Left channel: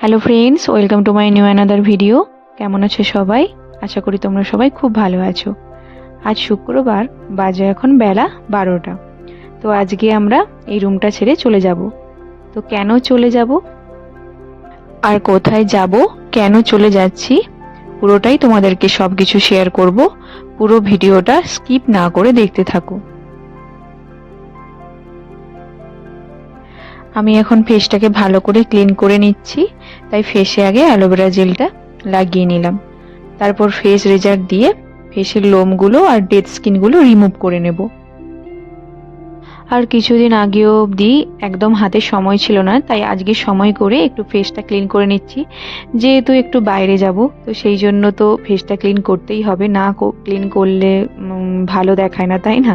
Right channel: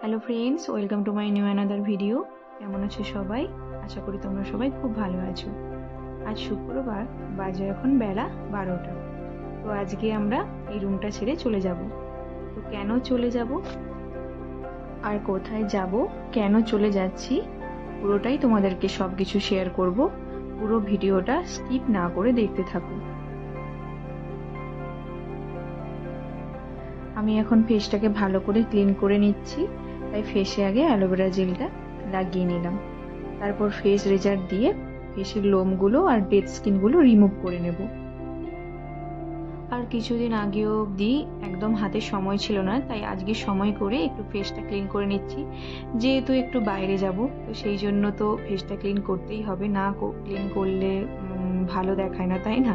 Hello friends, welcome to my new another video. কেমন আছো সবাই? আশা করি তোমরা সবাই খুব ভালো আছো। আজ শুক্রবার, বাজে এখন বেলা 12টা। তো আজকে আমরা এই রুমটা ছেড়ে চলে যাব। তো কেন চলে যাব আর কোথায় যাব, কেন চলে যাচ্ছি, পুরোটাই তোমাদেরকে সব কিছু শেয়ার করব। পুরো ভিডিওটা স্কিপ না করে দেখতে থাকো। আমি এখন ফেসটাকে ভালো করে ক্লিন করে নিচ্ছি, তাই ফেসে আগে অ্যালোভেরা জেলটা লাগিয়ে নিলাম। তারপর ফেস রেজার দিয়ে ফেসের লোমগুলো আর ডেড স্কিনগুলো রিমুভ করে নেব। আর কিছুদিন আগেও অবধি একদম হাতে সময় ছিল না, তাই আজকে সময় করে একটু ফেসটা ক্লিন করে নিচ্ছি। যেহেতু একটু বাইরে যাব, তো সেই জন্য তো ফেসটা ক্লিন করতেই হবে, না ক্লিন করলে ভালো দেখায় না, তাই না?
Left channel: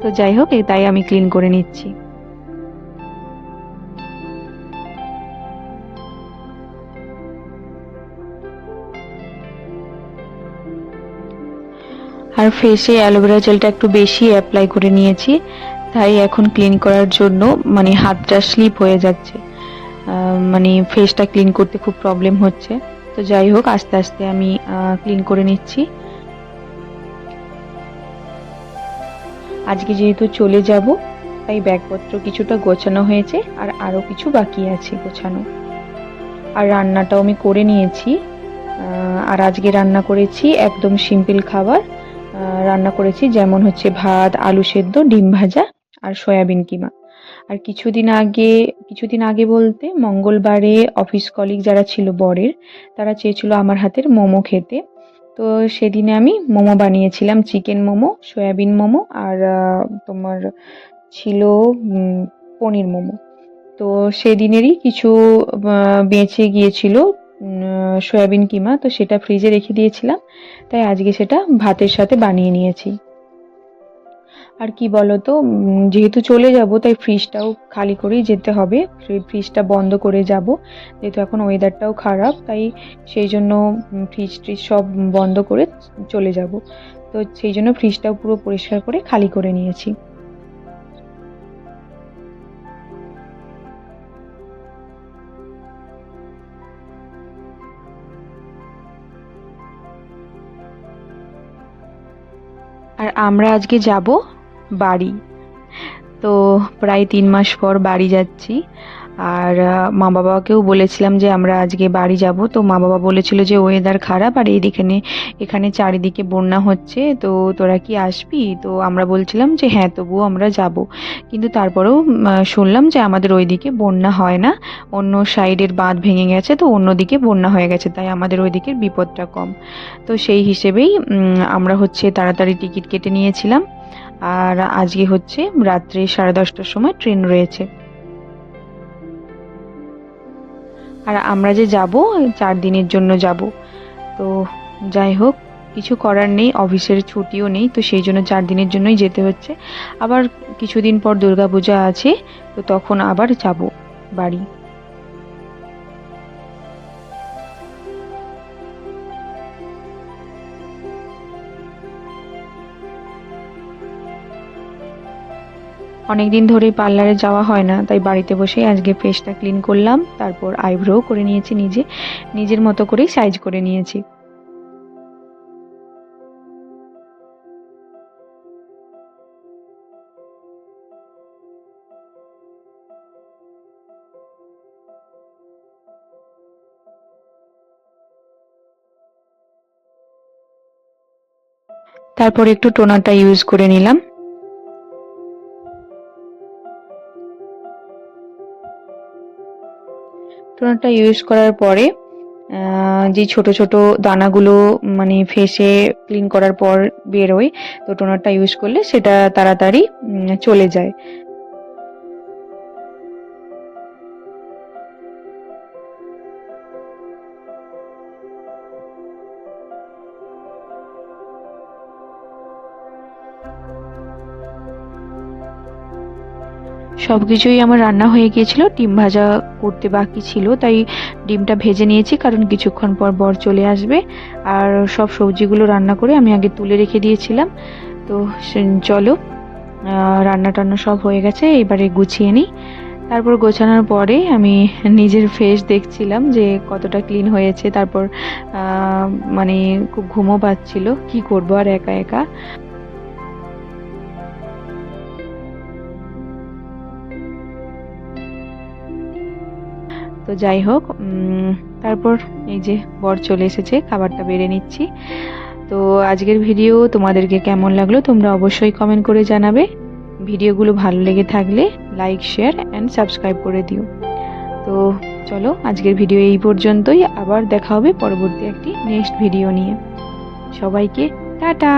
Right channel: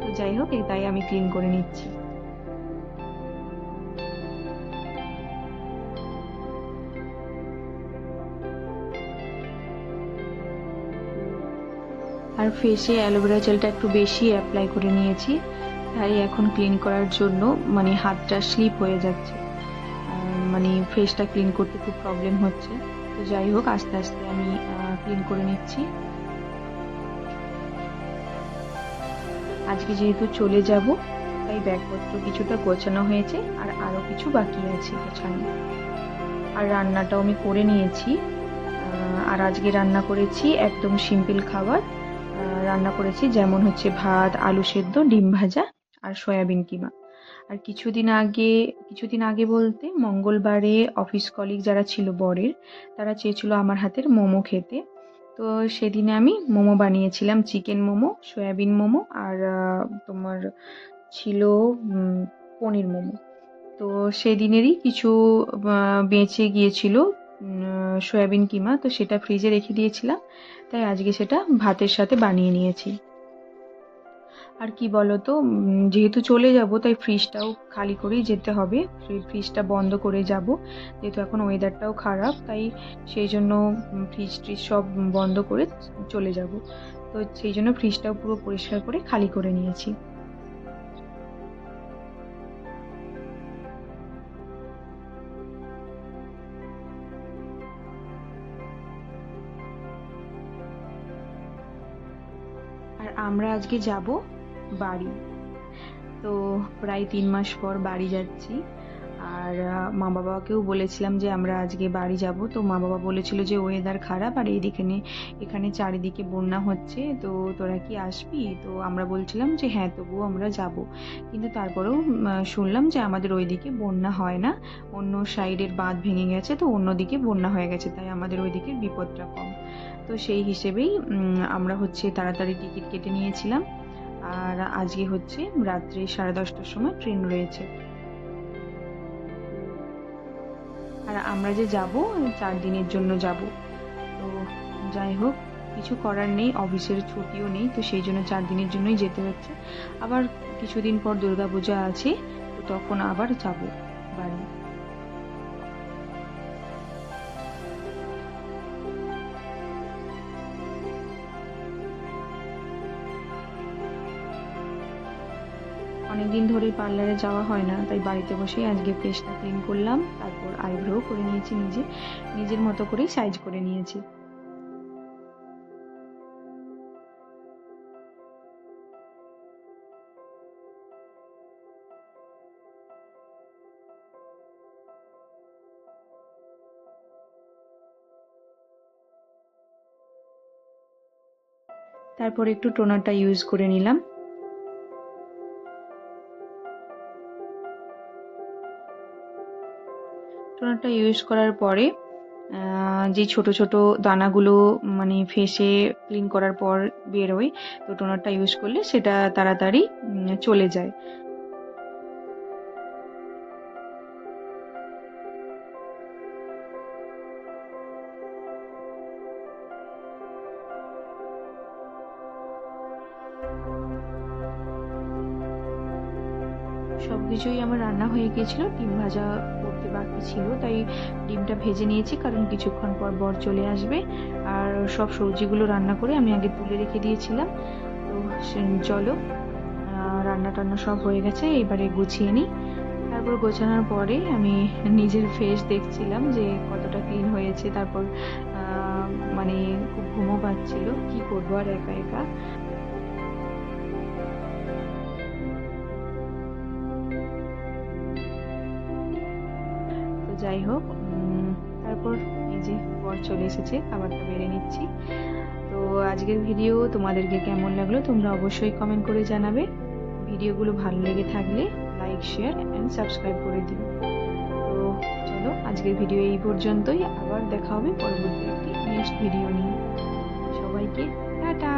তো যাই হোক, তাই আমি ক্লিন করে নিচ্ছি। আর ফেসে অ্যালোভেরা জেলটা একটু বেশি অ্যাপ্লাই করে নিয়েছি, তাই এখন ক্লিন করার জন্য মানে হাতটা স্লিপ হয়ে যাচ্ছে, মানে ফেসটা ক্লিন করতে খুব প্রবলেম হচ্ছে। তো যাই হোক, আস্তে আস্তে আমি ক্লিন করে নিচ্ছি। আজকে যেহেতু চলে যাব, তাই ব্যাগপত্র কিছুটা গোছানো হয়েছে, আর আরও কিছু বাকি আছে গোছানো। আর রান্নাটাও আমি করে নিয়েছি। আর আজকে রান্না করেছি একদম সিম্পল খাবার। রান্না করেছি যেমন হচ্ছে ভাত, আলু সেদ্ধ, ডিম ভাজা আর সয়াবিন কিমা। আর কিছুদিন আগে বলতে মঙ্গলবারে অফিস কলিগ যারা ছিল বরের, তারা চেয়েছিল আমার হাতের মোমো খেতে। তো সেদিনে আমি মোমো বানিয়েছিলাম, চিকেন মোমো, সয়াবিন মোমো আর তোমার ছিল পনির মোমো। তো সেদিনেরই কিছু বেঁচে গিয়েছিল সয়াবিন কিমা, তো সেটা ফ্রিজে রেখে দিয়েছিলাম, তাই আজকে সেটা ভাতের সাথে বানিয়ে নিয়েছি। আর কি বলতো, যেহেতু চলে যাব তাই ফ্রিজটাও খালি করেই যেতে হবে, ফ্রিজটা বন্ধ করে যাব, যেহেতু এখন ওয়েদারটাও খারাপ, তাই সেই জন্য ফ্রিজ ট্রিজ সব বন্ধ করে চলে যাব। তো সেই জন্য ফ্রিজটাও পুরো পরিষ্কার করে খালি করে নিয়েছি। আর আমরা আজকে যাব বাড়ি। তো প্রায় 3 মাস পর বাড়ি যাচ্ছি। আর মা বাবাকেও বলেছিলাম যে আমরা আজকে বাড়ি যাব। তো মা বাবা বলেছিল যে ওয়েদার খারাপ আর এখানে চারিদিকে বন্যা হচ্ছে, তো তোরা কি আসবি? তো আমরা বলছিলাম যে হ্যাঁ, তবুও আমরা যাব। কিন্তু তারপরেও শুনলাম যে আমাদের ওইদিকে বন্যা হয় না, অন্য সাইডের বাঁধ ভেঙে গেছে, তো অন্যদিকে বন্যা হয়ে গেছে, তাই আমাদের ওইদিকের বিপদটা কম। তো সেই হিসেবেই আমরা হচ্ছে তাড়াতাড়ি টিকিট কেটে নিয়েছিলাম। আর আজকে হচ্ছে রাত্রে 10:30টার সময় ট্রেন রয়েছে। আর আমরা যে যাব, 4 দিনের জন্য যাব। তো যাই হোক, কিছু করার নেই, অফিসের ছুটিও নেই, তো সেই জন্য 4 দিনের জন্যই যেতে হচ্ছে। আবার কিছুদিন পর দুর্গাপূজা আছে, তো তখন আবার যাব বাড়ি। অনেকদিন ধরেই পার্লারে যাওয়া হয় না, তাই বাড়িতে বসেই আজকে ফেসটা ক্লিন করলাম, তারপর আইব্রো করে নিয়েছি, নিজের মতো করেই সাইজ করে নিয়েছি। তারপর একটু টোনারটা ইউজ করে নিলাম। টোনারটা ইউজ করার পরে যে ছোট ছোট দানাগুলো মানে ফেসে ক্লিন করার পর বেরোয়, তো টোনারটা ইউজ করলে সেটা তাড়াতাড়ি চলে যায়। সবকিছুই আমার রান্না হয়ে গিয়েছিল, ডিম ভাজা করতে বাকি ছিল, তাই ডিমটা ভেজে নিয়েছি, কারণ কিছুক্ষণ পর বর চলে আসবে। আর সব সবজিগুলো রান্না করে আমি আগে তুলে রেখে দিয়েছিলাম। তো চলো, রান্না টান্না সব হয়ে গেছে, এবারে গুছিয়ে নিই। তারপর গোছানোর পরে আমি নিজের ফেস দেখছিলাম যে কতটা ক্লিন হয়েছে। তারপর মানে খুব ঘুমও পাচ্ছিল, কি করবো আর একা একা। তো যাই হোক, তারপর এই যে বর চলে এসেছে, খাবারটা বেড়ে নিচ্ছি। তো আজকের ভিডিও তোমাদেরকে কেমন লাগলো তোমরা অবশ্যই কমেন্ট করে জানাবে। ভিডিওগুলো ভালো লেগে থাকলে লাইক, শেয়ার অ্যান্ড সাবস্ক্রাইব করে দিও। তো চলো, আজকের ভিডিও এই পর্যন্তই। আবার দেখা হবে পরবর্তী একটি নেক্সট ভিডিও নিয়ে। সবাইকে টাটা।